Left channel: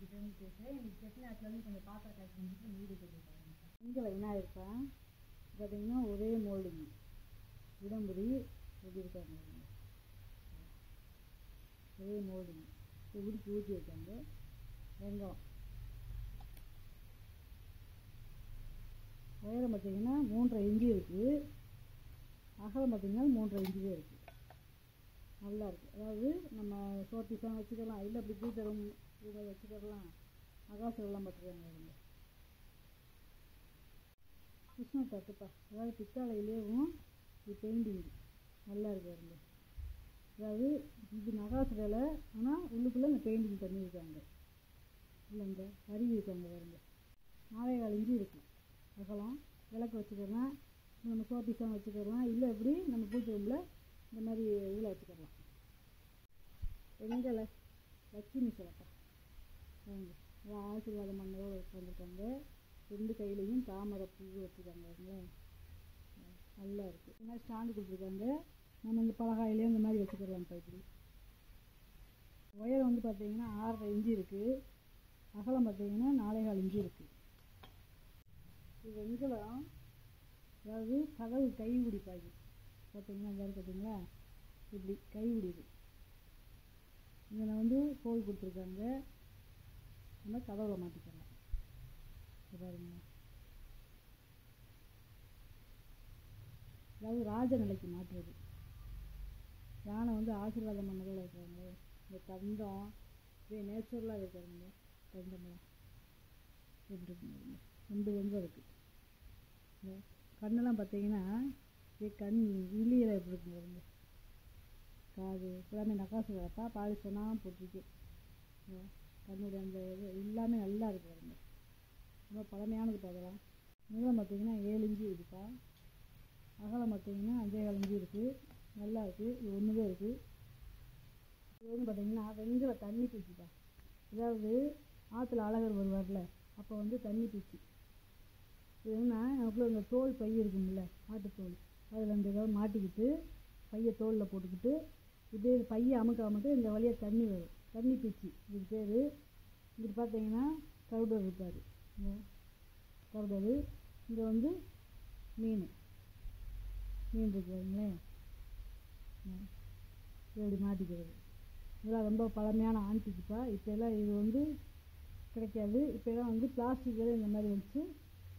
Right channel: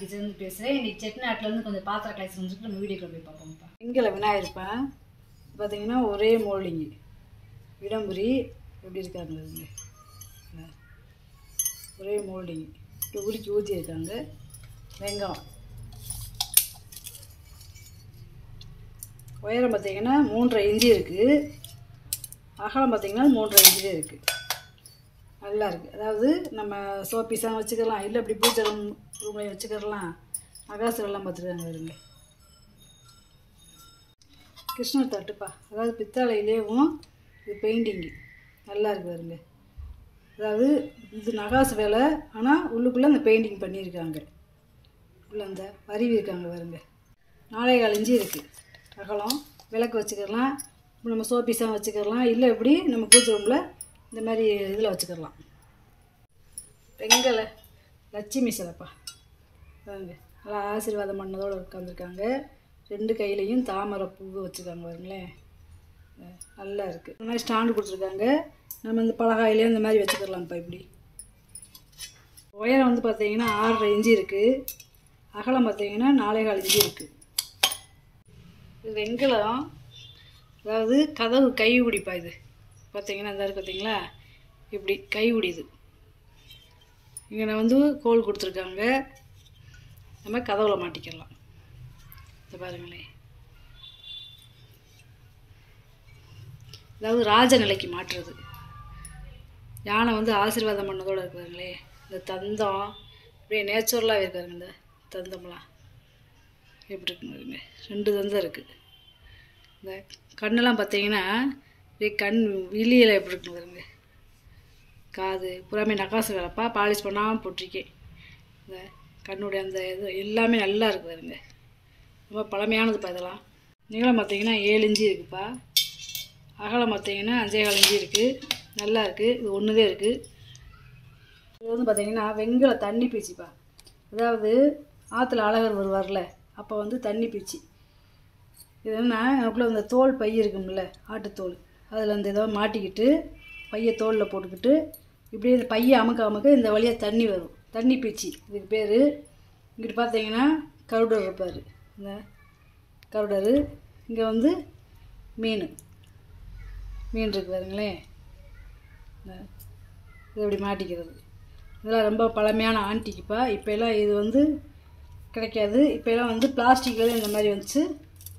Kitchen பேசுகிறேன். இன்றைக்கி செட்டிநாட்டிலேருந்து கொஞ்சம் பாத்திர கலெக்ஷன் வந்துட்டு நம்ம வீடியோக்குள்ள போய் பார்ப்போம்ப்பா. இங்கே விநாயகர்ப்பேன் பார்த்தீங்கன்னா ஒரே மோல்டிங்கு விடம்புரி எப்படி இருக்காங்க ஒரே மோல்டிங் உருக்கி ஊற்றி இருக்காங்க. வெங்காயம் உயரம் பார்த்திங்கன்னா 3.5 இன்ச்சு இருக்குது. அகலம் பார்த்திங்கன்னா 3.5 இன்ச்சு இருக்குது. நல்லா இருக்குது. அதாவது நம்ம சோப்பீஸாக வச்சுக்கலாம், இல்லை இப்படி பூஜை ரூம்லையும் வச்சுக்கலாம். நகாசுரெல்லாம் பார்த்துருக்காங்க வருங்க. கிருஷ்ணர் தட்டுப்பா, அதாவது பித்தாளையிலேயும் இது பெயிண்டிங்கு நல்லா இருக்குது வருங்க. அதாவது இது நகாசு வேலை, ஆனால் உள்ளுக்குள்ளே அந்த பெயிண்டிங் பண்ணியிருக்காங்க. உள்ளே அந்த அருவி இருக்காங்க வருங்க. 4.25 இன்ச்சு இருக்குது அகலம். விளக்கு வச்சுக்கலாம், நம்ம சோப்பீஸாக வச்சுக்கலாம், இல்லை இப்படி நம்ம பூஜை ரூமில் இந்த மாதிரி இதில் வச்சுக்கலாம். வெங்கல லட்சுமி சிலைப்பா வாங்க, நல்லா ஆசீர்வாதம் பண்ணதோடு உட்காந்துருக்காங்க. 2 கையிலையும் தாமரை பூ வச்சுருக்காங்க பாருங்களேன். நல்லா இருக்குது. இந்த மாதிரி ஸ்டாண்டு கொடுத்துருக்காங்க. நம்ம இந்த பலகாயிலையும் இந்த மாதிரி வச்சுக்கலாம்ப்பா. இப்படி உயரம் வந்து பார்த்திங்கன்னா 6.5 இன்ச்சு இருக்குது. அகலம் பார்த்திங்கன்னா 4.25 இன்ச்சு இருக்குது. இது வெங்கலம், அதாவது கதவு கை பிடிப்பா. இது பார்த்திங்கன்னா இந்த இருக்குது பார்த்திங்களா, இப்படி கை பிடிது. இங்கே நான் வந்து கோல் கொடுத்துருக்காங்க, நம்ம கதவுல மாட்டிக்கலாம். இதை பாருங்களேன், அதாவது ராஜ நிலைக்கு மாற்றுறது. யானை வந்து ஆசீர்வாதம் பண்ணதோடு இருக்குதுங்களே. இந்த தந்தம் இப்படியே நேச்சுரலாக இருக்காருங்க. இந்த தந்தம்லாம் எப்படி இருக்குங்க, 2 தந்தம் இருக்குது. இந்த கண்ணெல்லாம் பார்த்தீங்கன்னா இப்படியே கண் விழியில் எப்படி இருக்குங்க பாருங்க. காது புறாமே நகாசு வேலைப்பா, பாலிஷ் பண்ணாமல் போட்டிருக்கேன். இந்த கண்ணுடைய அந்த இது எல்லாமே நல்லா இருக்குது பாருங்க. ரொம்ப பழமையானதுப்பா இதெல்லாம். நீளம் பார்த்தீங்கன்னா 7 இன்ச்சு இருக்குதுப்பா. அகலம் பார்த்தீங்கன்னா 5.25 இன்ச்சு இருக்குது. நல்லா இருக்குது. இது ஒன்றுதே இருக்குது. இது வந்து பார்த்திங்கன்னா வெங்கல தண்ணி பீச்சிப்பா. அதாவது ஆற்றுல அழகர் வருவார்ல, அப்போ வந்து தண்ணி பீச்சி. இது என்ன, எனக்குள்ளே இந்த தோல் பை இருக்கும்ல, ஆட்டுத்தோல், அதில் அந்த இதை மாட்டிக்கிட்டு பையை தோலில் போட்டுக்கிட்டு இப்படியே இந்த பையை அமுக்க இந்த வழியாக தண்ணி வரும். தண்ணி பீச்சி இதுக்கு பேர். இங்கிட்டு பார்த்தீங்கன்னா கருடர் இருப்பார். இந்த கருடர் இங்கே வந்து மீன் இருக்குது பாருங்களேன். இது இப்படி மாட்டிக்கிறது. இதெல்லாம் ரொம்ப பழமையான ஆன்டிக்குப்பா. இப்போலாம் இது வந்து கிடைக்காது. இப்போலாம் வந்து பிளாஸ்டிக்கில் இந்த மாதிரி வச்சு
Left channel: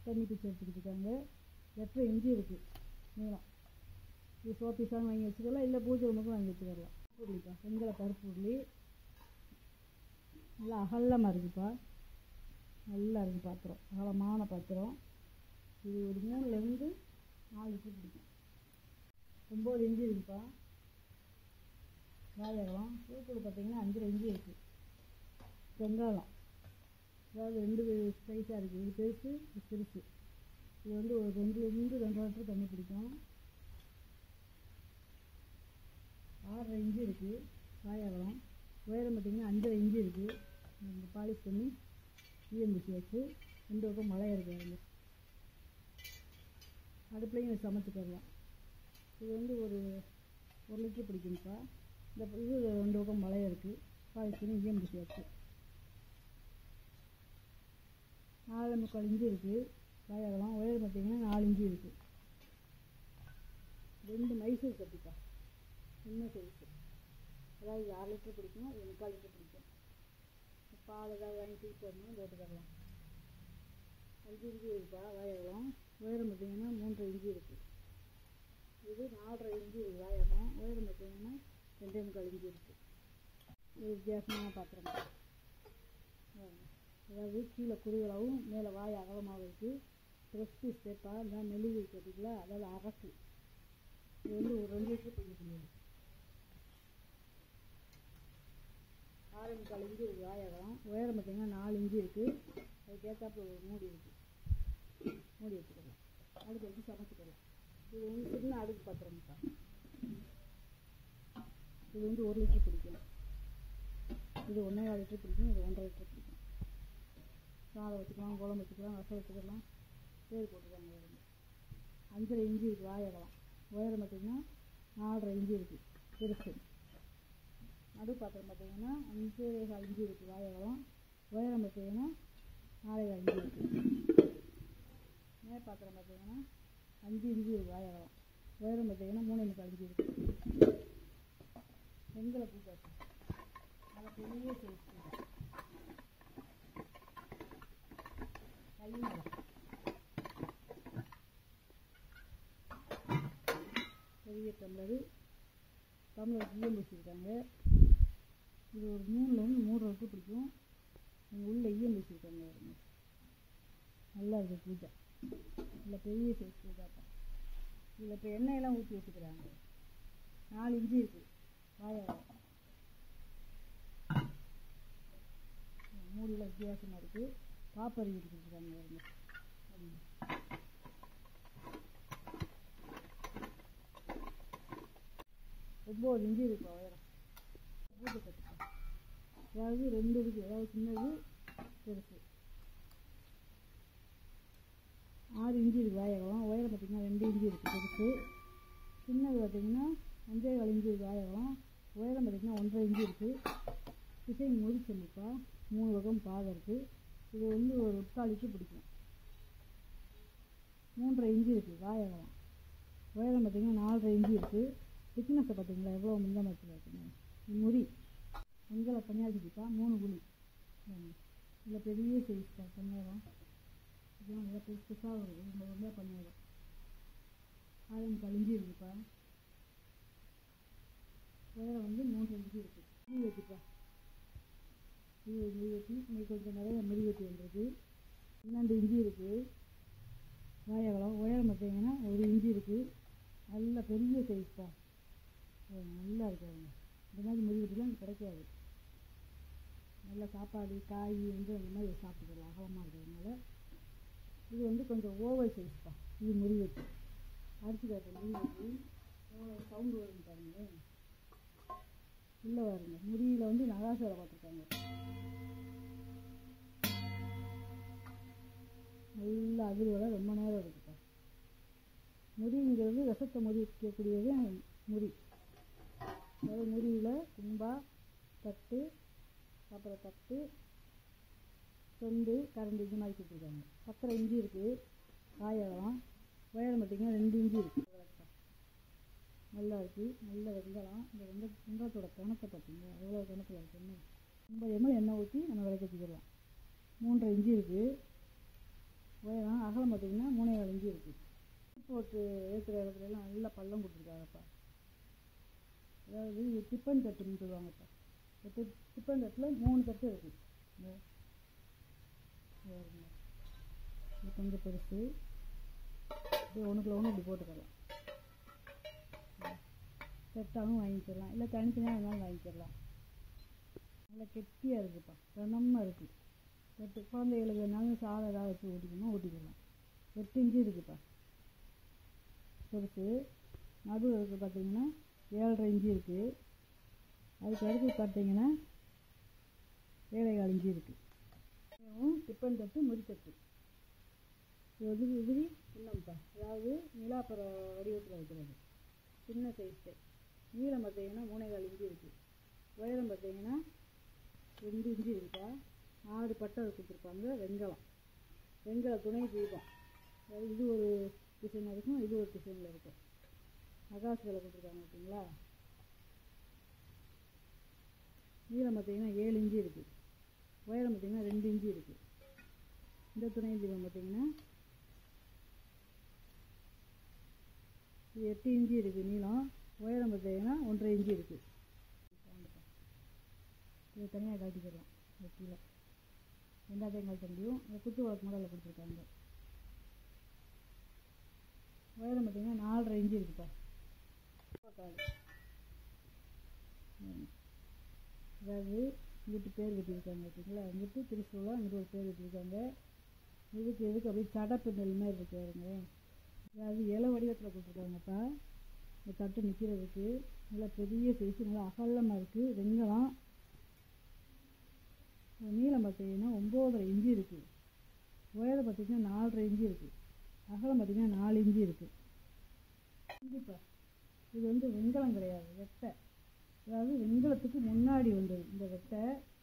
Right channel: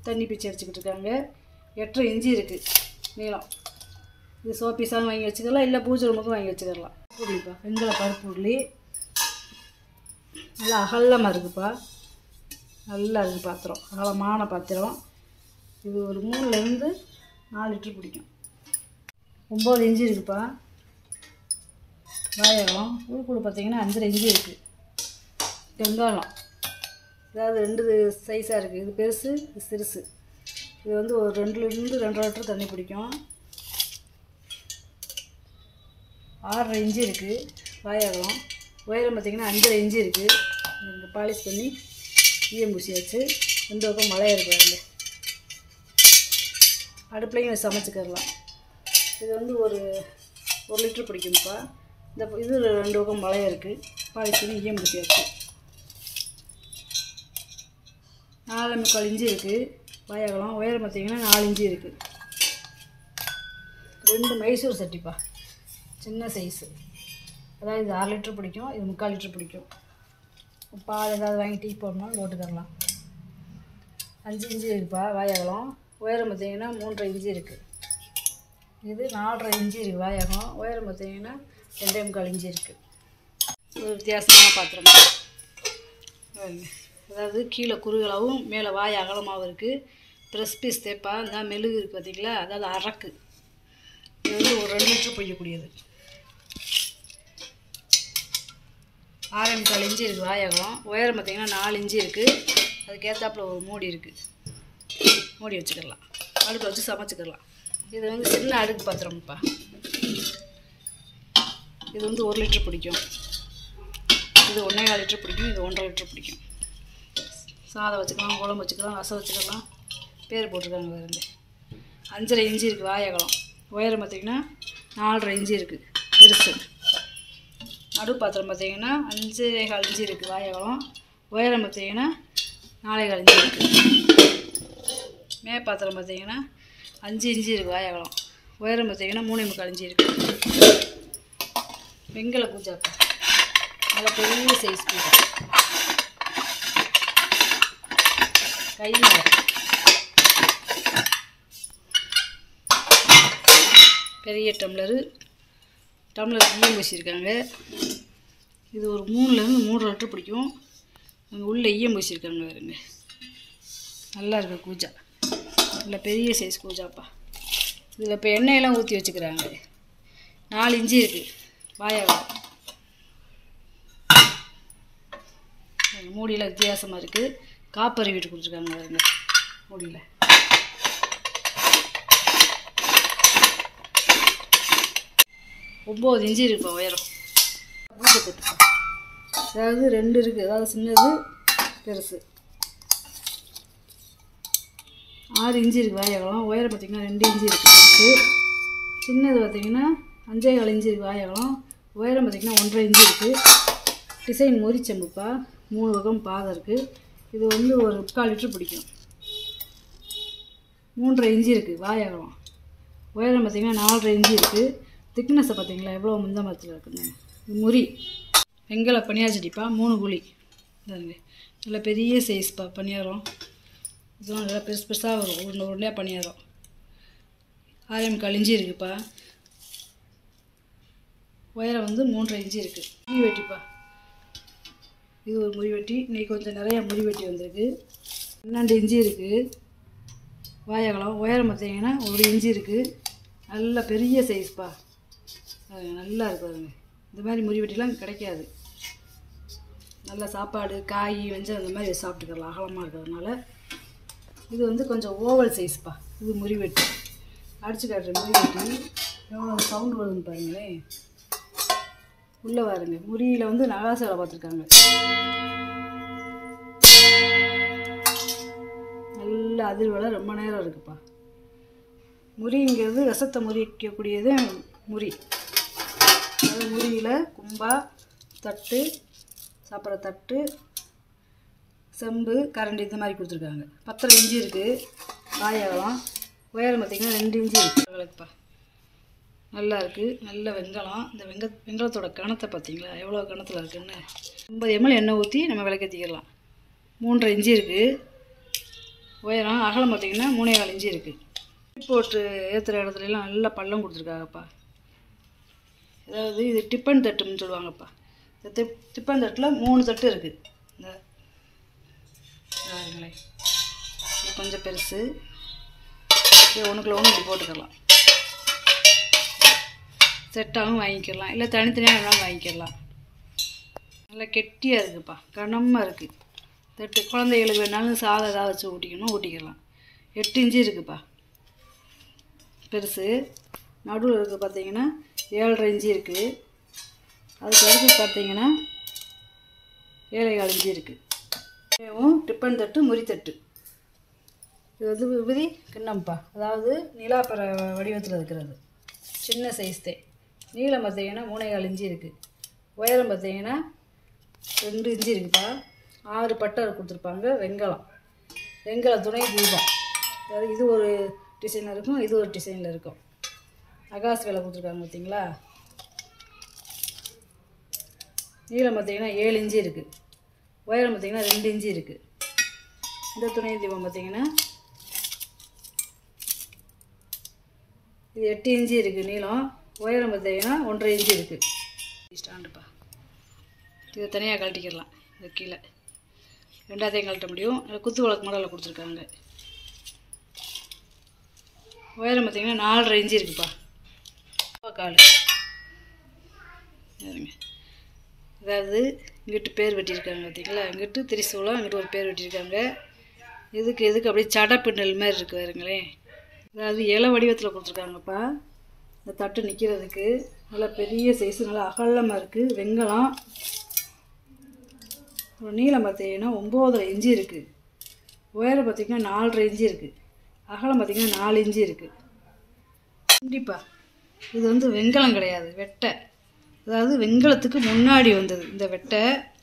தண்ணி பீச்சி அடிச்சுக்கிட்டு இருக்காங்க. 8.5 இன்ச்சு இருக்குது நீளம். இது சோப்பீஸாக வாங்கி வச்சுக்கலாம், இல்லை பூஜை ரூமுக்கும் வாங்கி வச்சுக்கலாம். உருளிப்பா, வெங்கல பருப்பு உருளி நல்லா அகலமாக இருக்குதுப்பா. நல்லா இருக்குது பாத்திரம், அகலமான பாத்திரம். இது ஒரு 3லேருந்து 4 லிட்டர் பிடிக்கும். 9 இன்ச்சு இருக்குதுப்பா. வாயகம் உருக்குழு பார்த்திங்கன்னா 5.5 இன்ச்சு இருக்குது. வெங்காயம் அதாவது 2 சைஸாக இருக்குது. இது பெருசு, இது சிறுசு. இது வந்து ஒரு 2லேருந்து 2.5 லிட்டர் தண்ணி பிடிக்கும். 6.5 இன்ச்சு இருக்குது வாயகம். உயரம் பார்த்திங்கன்னா 5.5 இன்ச்சு இருக்குது. இந்த பாலிஷ் பண்ணி ஈயம் பூசியாச்சு. 2 பக்கம் மழை இருக்காருங்க. அடுப்புலையும் சமைச்சிக்கிறலாம். இது வந்து ஒரு 1 லிட்டர் பிடிக்கும்ப்பா. இந்த இது 2 பக்கம் மழை இருக்குது. பாலிஷ் பண்ணி ஈயம் பூசியாச்சு. 4.25 இன்ச்சு இருக்குது வாயகலம். உயரம் பார்த்திங்கன்னா 4 இன்ச்சு இருக்குது. 2 மைசூர் சட்டிப்பா, சின்ன சைஸு. அதாவது இது 6 லிட்டர் பிடிக்கும், இது 3/4 லிட்டர் பிடிக்கும். பால் ஏதாவது வாங்கி டீ போடணும் போட்டுக்கரலாம். 5 இன்ச்சு இருக்குப்பா வாயகலம். உயரம் பார்த்திங்கன்னா 3.5 இன்ச்சு இருக்குது. இது 4.5 இன்ச்சு இருக்குது வாயகம். உயரம் பார்த்திங்கன்னா 2.25 இன்ச்சு இருக்குது. ஒரு வித்தியாசமான பாத்திரம். அதாவது கீழே குறுகலாகவும் மேலே வாய் அகலமாகவும் இருக்குது. ப்ரெஸ் பீஸ் தேப்பா, இந்த மெழுகு இருக்குது பார்த்திங்களா, அதாவது அரக்கு. இது வந்து ஒரு 2 லிட்டர் பொய்யக்கூடியது. 6.25 இன்ச்சு இருக்குது வாயகம். உயரம் பார்த்திங்கன்னா 4 இன்ச்சு இருக்குது. அதுக்கேற்றாப்புல ஒரு மூடி இருக்குது, மூடி வச்சுக்கலாம். அடுப்பில் வச்சு சமைச்சிக்கலாம். இது வந்து சின்ன அடுக்கு பாத்திரம்ப்பா. இது வந்து 1 லிட்டர் பிடிக்கும். இது 1.25 லிட்டர் பிடிக்கும். இது 1.5 லிட்டர் பிடிக்கும். சாதம் வச்சுக்கலாம், குழம்பு வச்சுக்கலாம், ரசம் வச்சுக்கலாம். பேர் போட்டிருக்காங்க பாருங்க. 5.5 இன்ச்சு இருக்குது வாயகலம். உயரம் பார்த்திங்கன்னா 4.5 இன்ச்சு இருக்குது பெருசு. நடு பாத்திரம் பார்த்திங்கன்னா 5.25 இன்ச்சு இருக்குது வாயகலம். உயரம் பார்த்தீங்கன்னா 4.25 இன்ச்சு இருக்குது. பாத்திரம் பார்த்தீங்கன்னா 5 இன்ச்சு இருக்குது வாய் அகலம். உயரம் பார்த்தீங்கன்னா 3.25 இன்ச்சு இருக்குது. வெங்கல கூஜாப்பா, நல்லா பெரிய சைஸ் கூஜா, கையில் பெரிய டம்ளர் ஈயம் பூசியிருக்காங்க. இது ஒரு 3லேருந்து 3 லிட்டர் பிடிக்கும். அங்கே உள்ள ஈயம் பூசியிருக்காங்க பாருங்க. நல்லா இருக்குது கூஜா, நல்ல பெரிய சைஸ் கூஜாப்பா. இதில் இப்போ எண்ணெயெல்லாம் ஊற்றி வச்சுக்கிறாங்க. 4 இன்ச்சு இருக்குது வாயகம். மூடியில் வித்தியாசமாக இருக்குது. காப்பரி வீட்டு கொடுத்துருக்காங்க பாருங்க. மூடியில் 9 இன்ச்சு இருக்குப்பா உயரம். அதாவது 2 இருக்குது, அதாவது சின்னது பெருசு. 6 இன்ச்சு இருக்குது வாயகலம். உயரம் பார்த்திங்கன்னா 2 இன்ச்சு இருக்குது பெருசு. சின்னது பார்த்திங்கன்னா 5.25 இன்ச்சு இருக்குது வாயகலம். உயரம் பார்த்திங்கன்னா 1.5 இன்ச்சு இருக்குது. டிசைன் மொரிச்சம்புப்பா, 3 பக்கம் பாதம் இருக்குது. இது வந்து ஒரு 3/4 லிட்டர் பிடிக்கும். 3.5 இன்ச்சு இருக்குது வாயகலம். உயரம் பார்த்திங்கன்னா 4.5 இன்ச்சு இருக்குது. திக்னஸை பார்த்தீங்களா எவ்வளோ முந்த மரத்தில் இருக்குங்க. முறி வெங்கல பனியார் சட்டிப்பா, 3 குழி. நல்ல பெரிய சைஸ்ப்பா பனியாரம். இதெல்லாம் நல்லா பெருசு பெருசாக வரும், உருண்டையாக பனியாரம். 6.25 இன்ச்சு இருக்குப்பா. உயரம் வந்து 3.5 இன்ச்சு இருக்குது. முறி வெட்டிப்பா, இது ஒரு முறி வெட்டி. இன்றைக்கி கொஞ்சம் நிறையா முறி வெட்டி வந்திருக்கு. 12 இன்ச்சு இருக்குது வாயகலம். உயரம் பார்த்தீங்கன்னா 1 இன்ச்சு இருக்குது. நல்ல பெரிய சைஸ்ப்பா, நல்லா இருக்குதுங்க. இந்த மாதிரி முறி வெட்டிலாம் கிடைக்காது. நல்லா சாப்பாடு காய் வெஞ்சம் அந்த மாதிரி சாப்பிட்டுக்கலாம், அகலமாக இருக்கிறதுனால. இது வந்து கொஞ்சம் ஓவல் சைஸ்ப்பா. இது முறி வெட்டி அடிச்சு காட்டுற முறி வெட்டி. எவ்வளோ சவுண்டு வருதுன்னு பாருங்களேன். உள்ளே பாருங்க, முறியில் வந்து நகாசு வேலை பார்த்துருக்காங்க. நல்ல அதிர்வலை ரொம்ப நேரம் இருக்குப்பா. முறிங்கிறது ரசத்தை முறிக்கக்கூடியது முறி. அதாவது முறியில் கும்பா, தட்டு, சாப்பிட்ற தட்டு, செம்பு, கரண்டி இந்த மாதிரி கொடுத்துருக்காங்க. 10.5 இன்ச்சு இருக்குது வாயகலம். உயரம் பார்த்திங்கன்னா 2 இன்ச்சு இருக்குது விளக்குப்பா. நல்லா இருக்குது, நல்ல வெங்கலம். இந்த வெங்கலத்தோட கணத்தை பார்த்தீங்களா எவ்வளோ கணத்தில் இருக்குதுன்னு. 50 ml எண்ணெய் ஊற்றி நம்ம விளக்கேற்றிக்கலாம். 3.5 இன்ச்சு இருக்குது உயரம். அகலம் பார்த்திங்கன்னா 3.25 இன்ச்சு இருக்குது. போட்டு ஏற்றுற இடத்துலலாம் நல்லா பள்ளம் கொடுத்துருக்காங்கப்பா. அதாவது இது டிப்பன் தட்டுன்னு சொல்லுவாங்கப்பா. இந்த டிப்பன் தட்டில் 3 தட்டு இருக்குது. இந்த பாருங்களேன், இது கொஞ்சம் பெருசு. இது ஒன்றுக்குள்ள ஒன்று இப்படி போட்டுக்கலாம். செட்டாகவும் வாங்கிக்கலாம், இல்லை தனித்தனியாக வேணாலும் வாங்கிக்கலாம். நல்லா கெட்டியாக இருக்குதுப்பா, கனமாக இருக்குது தட்டு. குழந்தைகளுக்கு வேணாலும் சாதம் ஏதாவது வச்சு ஊட்டிக்கலாம். 8 இன்ச்சு இருக்குதுப்பா பெருசு. நடுவில் இருக்குது பார்த்தீங்கன்னா 7.5 இன்ச்சு இருக்குது. அதுக்கு அடுத்து பார்த்தீங்கன்னா 7.25 இன்ச்சு இருக்குது. டிப்பன் தட்டு, முறி தட்டு. இது வந்து விபதி கிண்ணம்ப்பா, அதாவது நிலாப்பற வடிவத்தில் இருக்கிறது. சின்ன சைஸ்தே. நீளம் பார்த்தீங்கன்னா 3.25 இன்ச்சு இருக்குது. உயரம் பார்த்தீங்கன்னா 2 இன்ச்சு இருக்குப்பா. 6 பட்டை கொடுத்துருப்பாங்க. வெங்கல துணை தீபம். அதாவது இது ஒரு டிசைனில் இருக்கும், இது ஒரு டிசைனில் இருக்கும். நகாசு வேலை கொடுத்துருக்காங்க பார்த்தீங்களா. நீளம் பார்த்தீங்கன்னா 7 இன்ச்சு இருக்குது. உயரம் பார்த்தீங்கன்னா 2 இன்ச்சு இருக்குது. இந்த துணை தீபம் பார்த்தீங்கன்னா இது 8 இன்ச்சு இருக்குது நீளம். உயரம் பார்த்தீங்கன்னா 1.5 இன்ச்சு இருக்குது. ஸ்டாண்டுப்பா, இதை தனியாக கழட்டிக்கிடலாம். இது கீழே ரெண்டாத்தையும் கழட்ட முடியும். குத்து விளக்கு மாடலில் கொடுத்துருக்காங்க. உயரம் பார்த்தீங்கன்னா 4.5 இன்ச்சு இருக்குப்பா. கால் அதாவது இங்கிட்டு பேர் வெட்டியிருக்காங்க பார்த்தீங்களா. இங்கிட்டு திரிசூலம், இங்கிட்டு ஒரு பேர் வெட்டியிருக்காங்க. எதுக்கு அப்படியே சடப்பின்னல் மாதிரி இருக்குது பாருங்களேன். அதாவது இலை வடிவத்தில் கொடுத்துருக்காங்கப்பா. இந்த தட்டு நிற்கிறதுக்கு நல்லா பெரிய சைஸு, நல்லா அகலமாக இருக்குது. வெங்கலம். ஒரு நீளம் பார்த்தீங்கன்னா 9.5 இன்ச்சு இருக்குது. உயரம் பார்த்திங்கன்னா 4.5 இன்ச்சு இருக்குது. அகலம் பார்த்திங்கன்னா 4 இன்ச்சு இருக்குது. கண்டிப்பாக இது வந்து வெங்கலம் கிடையாது, வெட்டை. அதாவது வெங்கலத்துக்கு முன்னாடி வந்தது இந்த வெட்டை.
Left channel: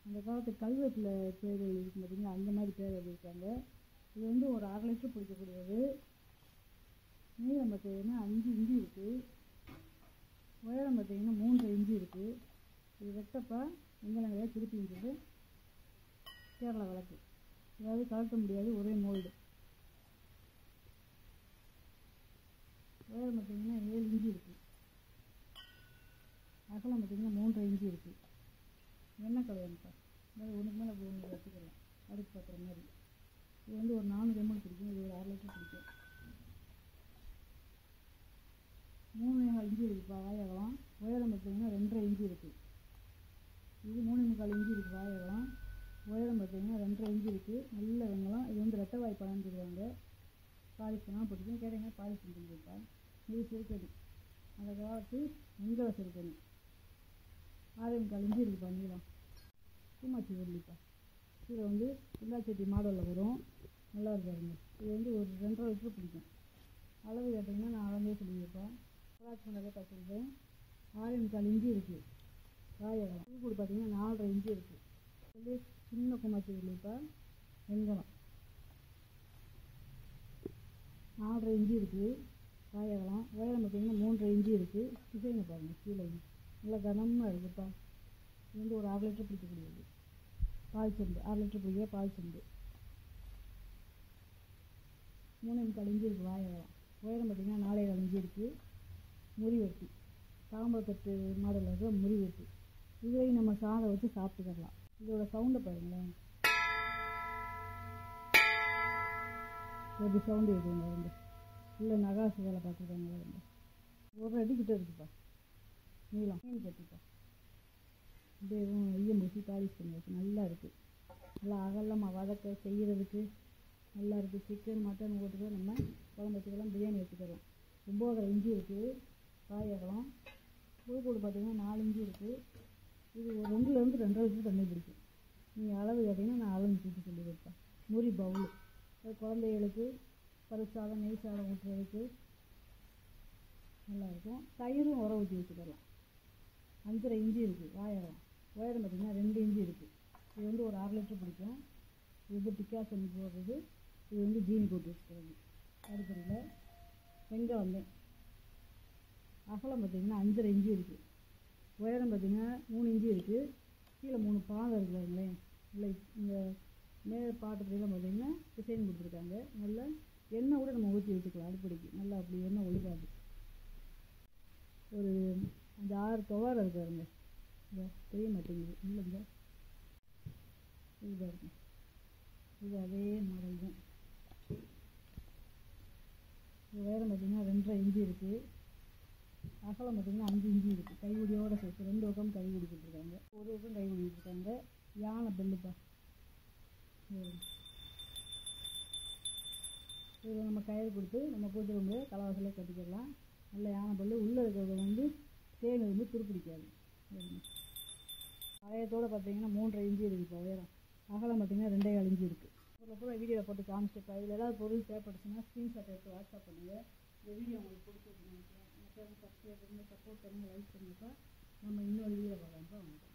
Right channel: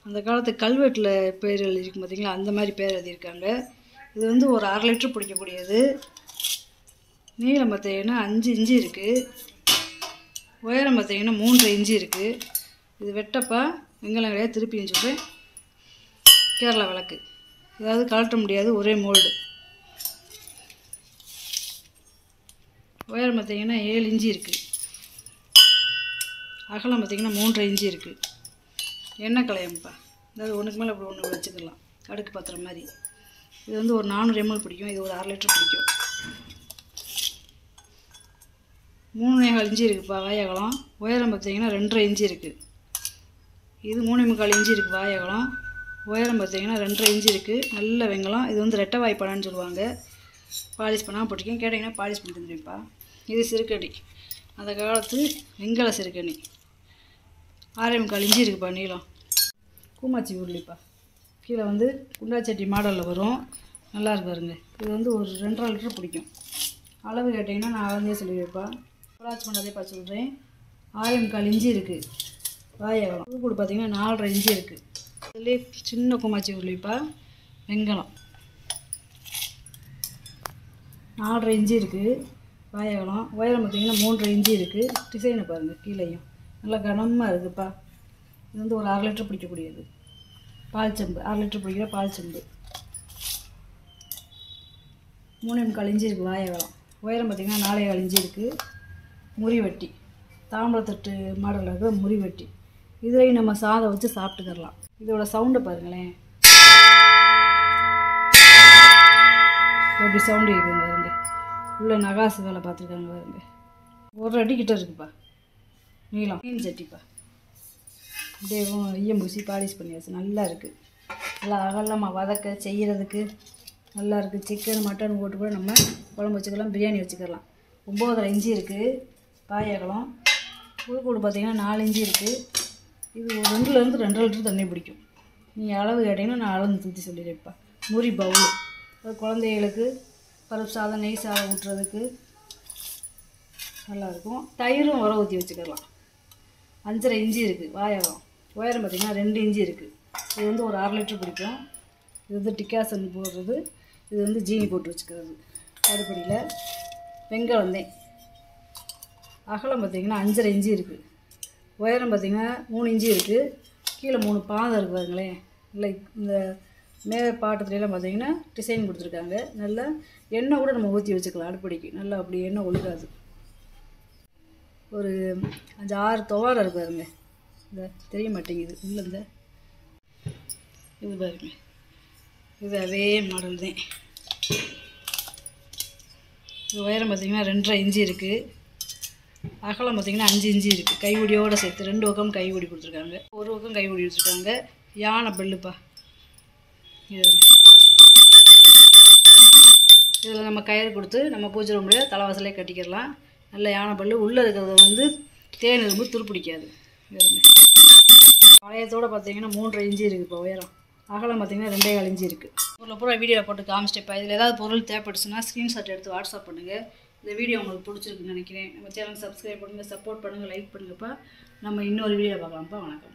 அந்த காலத்து கல்வெட்டில் பேர் எழுதியிருக்கும் பார்த்தீங்களா, அந்த மாதிரி பேர் எழுதியிருக்காங்க. இது வந்து ஒரு 1/2 லிட்டர் பிடிக்கக்கூடியது. நீளம் பார்த்தீங்கன்னா 5 இன்ச்சு இருக்குது. உயரம் பார்த்தீங்கன்னா 3 இன்ச்சு இருக்குது. இது வெட்டப்பா வெங்கலம் கிடையாது, திருப்பியும் சொல்கிறேன், கேரளா விளக்கு. அதாவது கழட்ட முடியாது, ஒரே மோல்டு. உயரம் பார்த்தீங்கன்னா 7 இன்ச்சு இருக்குது. அகலம் பார்த்தீங்கன்னா 3 இன்ச்சு இருக்குது. எண்ணெய் கலையம்பா, அதாவது ஒன்றுக்கு மேலே அப்படி ஒன்று வச்சுக்கலாம், அடுக்கு பாத்திரம் மாதிரி. இது வந்து ஒரு 400 ml பிடிக்கும். இது ஒரு 1/2 லிட்டர் பிடிக்கும். 3,4 இன்ச்சு இருக்குதுப்பா வாய் அகலம். உயரம் பார்த்தீங்கன்னா 2.5 இன்ச்சு இருக்குது. இது 3,4 இன்ச்சு இருக்குது வாய் அகலம். உயரம் பார்த்தீங்கன்னா 2.5 இன்ச்சு இருக்குது. நல்ல வெங்கலம். இது வந்து ரெட்டை வாய்ப்பாடான்னு சொல்லுவாங்க. பாலிஷ் பண்ணாமல் போட்டிருக்கேன், கேட்டிங்கன்னா பாலிஷ் பண்ணி தந்துடுப்பா. இது சிறுக்கணி, அந்த காலத்து வெங்கல சிறுக்கணி. 6,4 இன்ச்சு இருக்குப்பா நீளம். கூமாச்சி உருளிப்பா, கீழே வந்து குண்டாச்சட்டி மாடலில் வரும், நல்லா இருக்கு பாருங்க. இது வந்து ஒரு 2.5 லிட்டர் பிடிக்கும். அளவு கேட்டிங்கன்னா நான் அளந்தே சொல்லி வைப்பேன். வாட்ச் பண்ணதே பார்த்து சொல்கிறேன். 6,4 இன்ச்சு இருக்குது வாய் அகலம். புது கூடு பார்த்தீங்கன்னா 4.5 இன்ச்சு இருக்குது. இதுலேயே சின்ன கூமாச்சி உருளிப்பா, வெங்கலம். 4.5 இன்ச்சு இருக்குது வாய் அகலம். உயரம் பார்த்தீங்கன்னா 3.5 இன்ச்சு இருக்குது. டிசைனை பாருங்கள், கீழேயும் நல்லா கனமாக இருக்குதுப்பா. இது வந்து ஒரு 1/2 லிட்டர் பிடிக்கக்கூடியது. பால் செம்பு, 1/2 லிட்டர் பிடிக்கிற பால் செம்பு. 3,4 இன்ச்சு இருக்குது வாய் அகலம். உயரம் பார்த்திங்கன்னா 4,4 இன்ச்சு இருக்குது. முறிவட்டி, தாம்பரத்தட்டு மாடலில் இருக்கிற முறிவட்டி. இதுலேயும் நம்ம சாதம் வச்சு சாப்பிட்டுக்கலாம். இதோட சவுண்டை பாருங்களேன், எப்படி சவுண்டு கேட்குதுங்க பாருங்க. உள்ள நகாசு வேலை பார்த்துருக்காங்க பாருங்க. 1 அடி கிட்ட இருக்குப்பா நீளம். மீன் சட்டிப்பா, அப்படியே ஈயம் பூசி பாலிஷ் பண்ணியாச்சு. நல்லா இருக்குது, நல்லா அகலமாக வதக்க செய்கிறதுக்கு நல்லா இருக்குது. சிக்கன் மட்டன் போட்டு கூட நம்ம குழம்பு வச்சுக்கலாம், பிரியாணி வச்சுக்கலாம். 9.5 இன்ச்சு இருக்குது வாய் அகலம். புதுக்கூடு பார்த்திங்கன்னா 4 இன்ச்சு இருக்குது. இது ஒரு 2லேருந்து 2.5 லிட்டர் தண்ணி பிடிக்கும். நீங்கள் அளவு கேட்டிங்கன்னா நான் அளந்து தூத்தி சொல்லிடுறேன்ப்பா. முறி பவுல், அது குழந்தைகளுக்கு பருப்பு சாதம் நெய் சாதம் ஊட்டுறதுக்கு நல்லாயிருக்கும். தயிரும் உர ஊற்றி வச்சுக்கலாம். 5.5 இன்ச்சு இருக்குது வாய் அகலம். உயரம் பார்த்திங்கன்னா 2 இன்ச்சு இருக்குது. இது வந்து ஒரு 1/2 லிட்டர் பிடிக்கும். இது வந்து டிக்காசன் போடுறது, இது வந்து ஜீனி போட்டு வச்சுக்கிறது. அடுப்படியில் வெங்கலந்தேன். அகலம் பார்த்திங்கன்னா 5.5 இன்ச்சு இருக்குது. உயரம் பார்த்திங்கன்னா 3 இன்ச்சு இருக்குது. கீழே 3 பாதம் இருக்குது பாருங்களேன். இல்லை இந்த பாட்டத்துலாம் பார்த்திங்கன்னா டிசைன் கொடுத்துருக்காங்க. நல்லா எண்ணெய் கூட நம்ம ஊற்றி வச்சுக்கலாம் அடுப்படிக்கு. நல்லா அப்படி எண்ணெய் ஒழுகாது. ஒரு 5-6 துவாரம் இருக்குது பாருங்க. இந்த தெரிய மாட்டேங்குது இல்லை, இந்த இது பாருங்க, இது அதே மாடல் தான். இது உயரம் பார்த்திங்கன்னா 2.5 இன்ச்சு இருக்குது. அகலம் பார்த்திங்கன்னா 5 இன்ச்சு இருக்குது. கைவுடியோடு சேர்த்து 2 பக்கம் கைவுடி கொடுத்துருக்காங்க, ஒரு பக்கம் கைவுடி கொடுத்துருக்காங்க. யானை பெல்லுப்பா. இதில் நம்ம கயிறு கொடுத்து நம்ம பூஜை ரூமில் தலைவாசலே கட்டிக்கிடலாம். நல்ல யானை பல்லு. உள்ளே இருக்கிறத வந்து தேன் எறும்பு துருப்பிடிக்காது. பழையத்தோடு பார்த்திங்கன்னா 3.5 இன்ச்சு இருக்குது இப்போ உயரம். அகலம் பார்த்திங்கன்னா 2.25 இன்ச்சு இருக்குது. பொருளை பூரா வீடியோவில் போட்டு காமிச்சிட்டேப்பா. இதில் ஏதாவது பொருள் தேவைப்பட்டுச்சுன்னா ஸ்க்ரீன்ஷாட் எடுத்து வாட்ஸ்அப் பண்ணுங்கள். இந்த வீடியோ உங்களுக்கு பிடிச்சிருக்குன்னு நினைக்கிறேன். நம்ம சேனல் சப்ஸ்கிரைப் பண்ணுங்கள், சப்போர்ட் பண்ணுங்கள், லைக் பண்ணுங்கப்பா. நம்ம இன்னொரு வீடியோ பார்க்கலாம்ப்பா. வணக்கம்.